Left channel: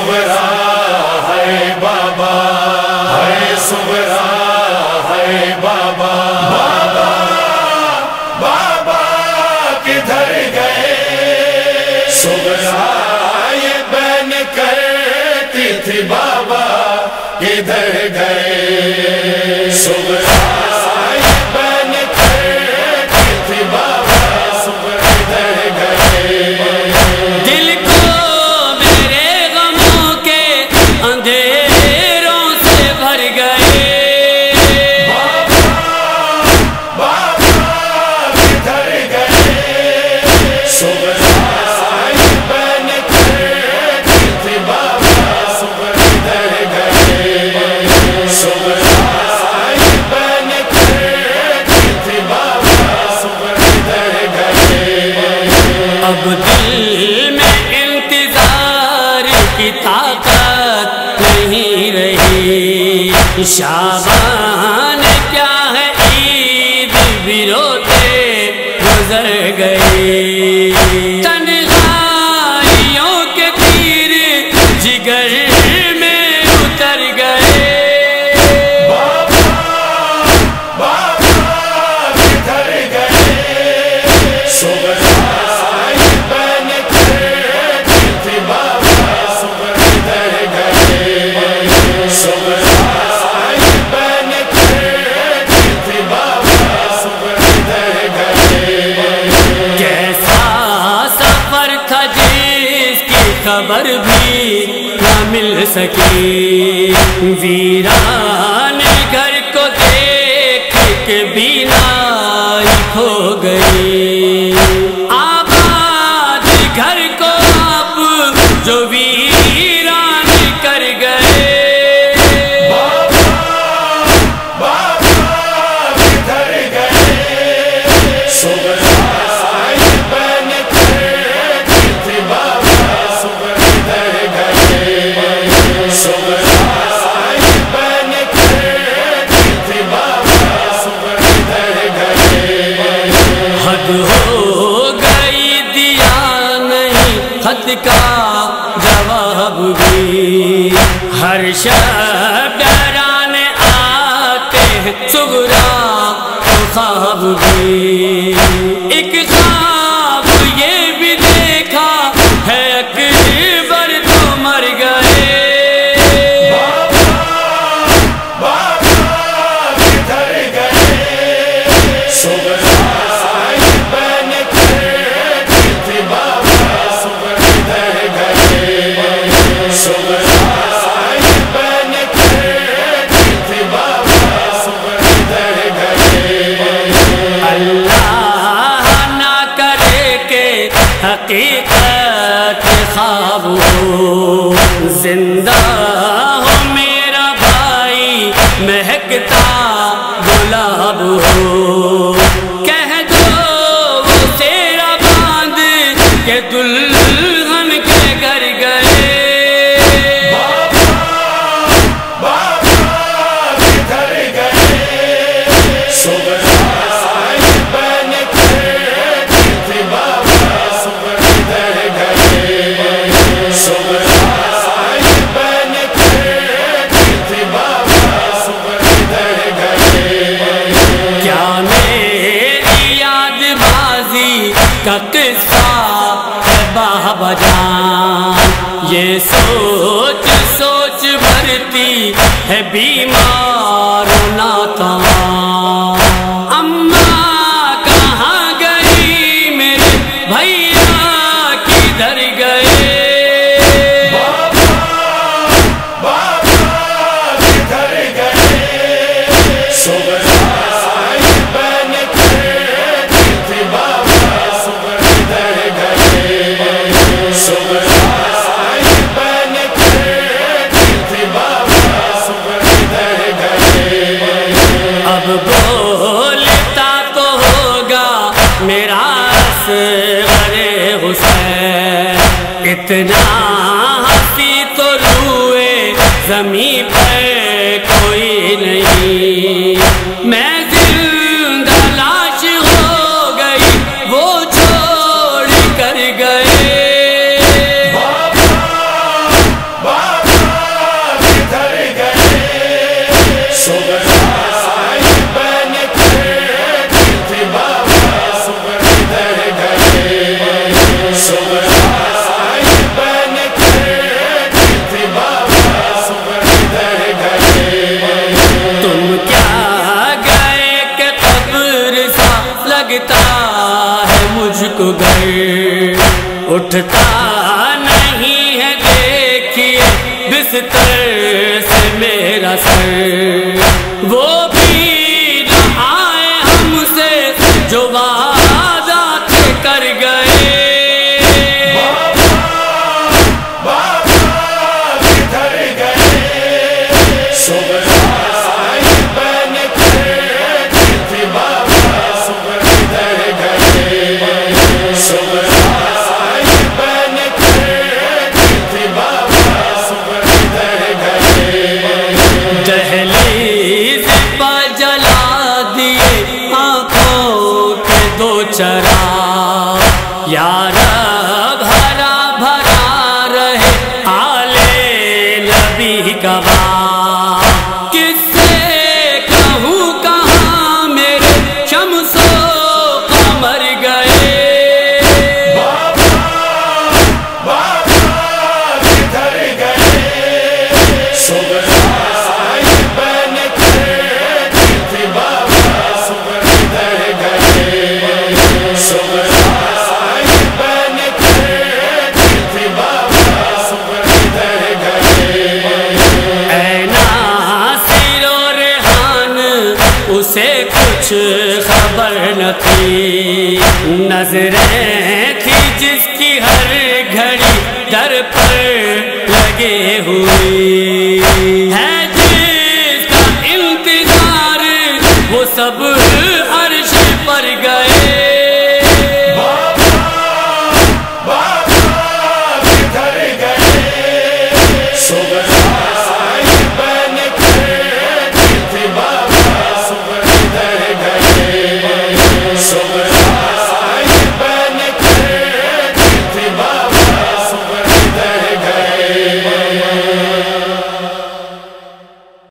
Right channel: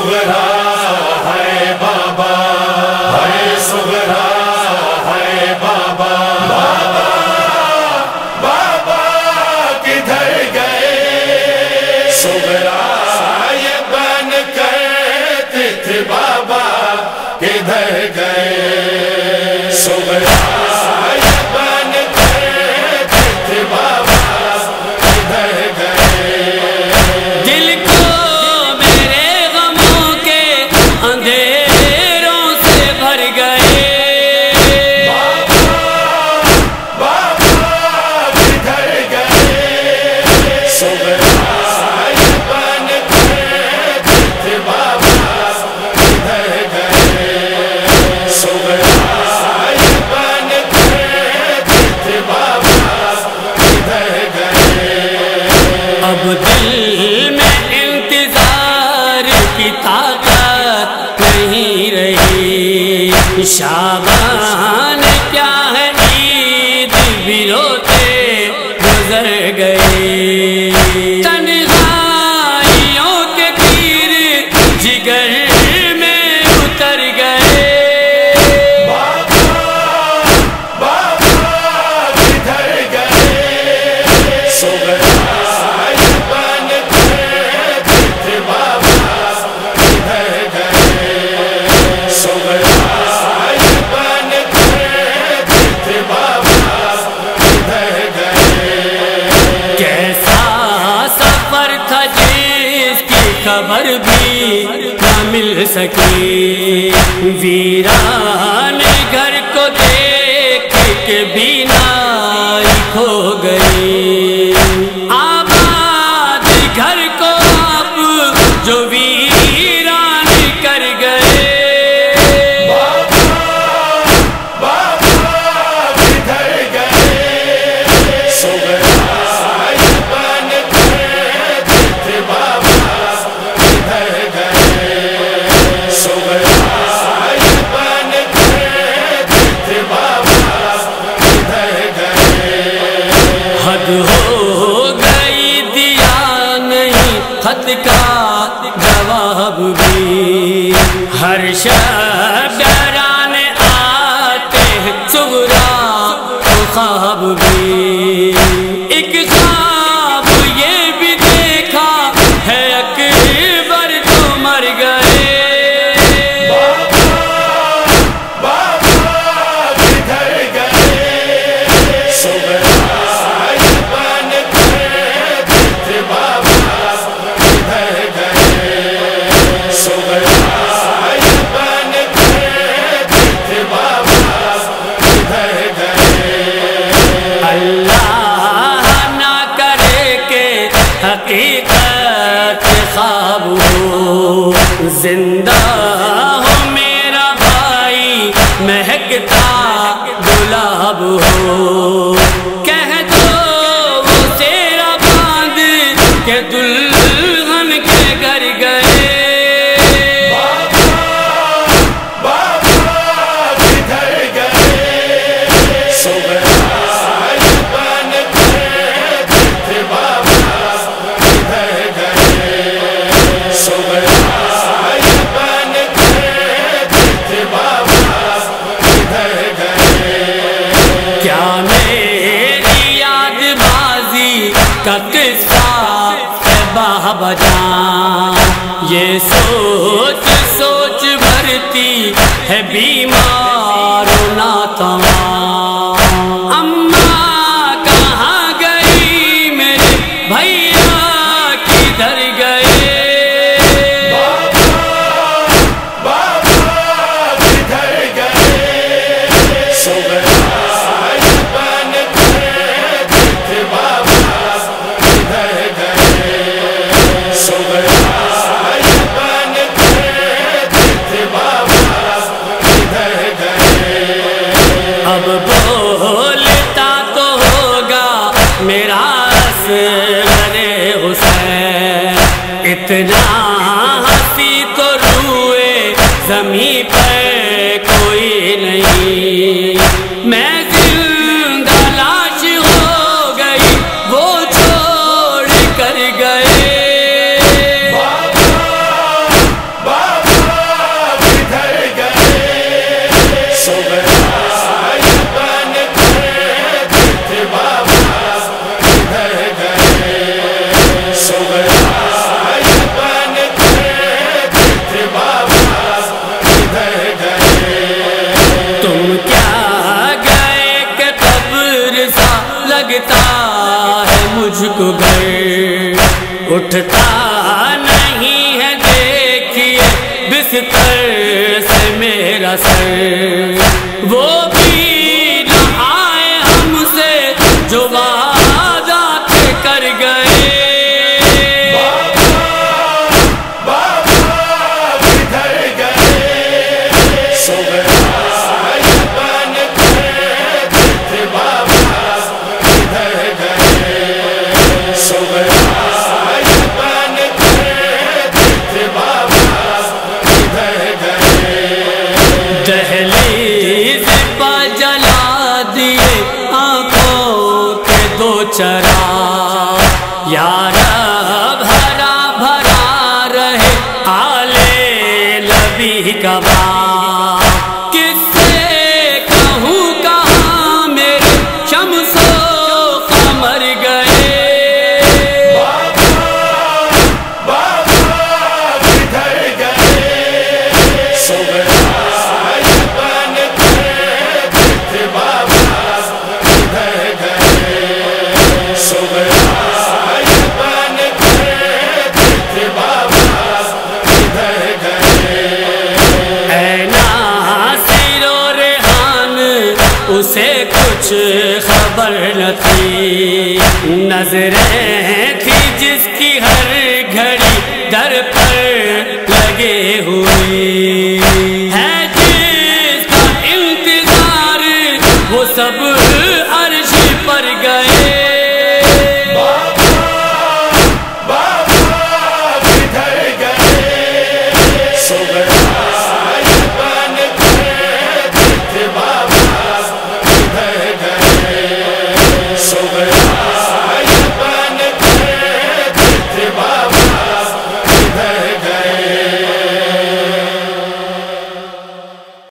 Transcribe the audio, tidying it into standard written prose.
صغرا ہے بابا، ہے صغرا ہے بابا، بابا بابا کدھر گئے؟ صغرا یہ بین کرتی تھی بابا کدھر گئے؟ صغرا یہ بین کرتی تھی بابا کدھر گئے؟ دل کو میرے غموں کے اندھیروں سے بھر گئے، بابا کدھر گئے؟ صغرا یہ بین کرتی تھی بابا کدھر گئے؟ صغرا یہ بین کرتی تھی بابا کدھر گئے؟ اب دل میں انتظار کی طاقت نہیں رہی، شعبان کیا ہے عید بھی روتے گزر گئی، تنہائیوں کے تیر جگر میں اتر گئے، بابا کدھر گئے؟ صغرا یہ بین کرتی تھی بابا کدھر گئے؟ صغرا یہ بین کرتی تھی بابا کدھر گئے؟ کیسا سفر تھا جس کی خبر بھی نہ مل سکی، ویران گھر کو دیکھ کے بینائی کھو گئی، آباد گھر کو آپ جو ویران کر گئے، بابا کدھر گئے؟ صغرا یہ بین کرتی تھی بابا کدھر گئے؟ صغرا یہ بین کرتی تھی بابا کدھر گئے؟ حد ہو گئی دیا نہیں خط کا جواب بھی، ہر شب ڈرانے آتے ہیں صغرا کو خواب بھی، ایک خواب یہ بھی دیکھا ہے اکبر تو مر گئے، بابا کدھر گئے؟ صغرا یہ بین کرتی تھی بابا کدھر گئے؟ صغرا یہ بین کرتی تھی بابا کدھر گئے؟ اللہ نہ کرے کہ حقیقت خواب ہو، زندہ ہو میرا بھائی مہکتا گلاب ہو، کہہ دو وہ تیرا باندھ کے دلہن کے گھر گئے، بابا کدھر گئے؟ صغرا یہ بین کرتی تھی بابا کدھر گئے؟ صغرا یہ بین کرتی تھی بابا کدھر گئے؟ کیا میری یاد بازی کا قصہ ہے بابا جان، یہ سوچ سوچ بھرتی ہے بیماروں ناتواں، اماں کہاں گئی میرے بھیا کدھر گئے، بابا کدھر گئے؟ صغرا یہ بین کرتی تھی بابا کدھر گئے؟ صغرا یہ بین کرتی تھی بابا کدھر گئے؟ اب بولتا تو ہوگا میرا اصغر حسین، اتنا ہنسی تو روئے زمین پر کوئی نہیں، میں زندہ لاش ہو گئی وہ چھوڑ کر گئے، بابا جادوگر اٹھتا نہیں ہے دیکھیے بستر سے میرا سر، وہ بھی نہ آئے ہم سے جو وعدہ تھے کر گئے۔ دہلیز پر جلا دیے آنکھوں کے دو چراغ، یا رب بھرا بھرا رہے آل نبی کا باغ، کس سے کہوں کہاں میرے شمس و قمر گئے۔ اسے کچھ خبر نہ تھی، نظریں تھی جس کی ہر گھڑی در پر لگے ہوئی، ہے جس کا انتظار وہ سب عرش پر گئے۔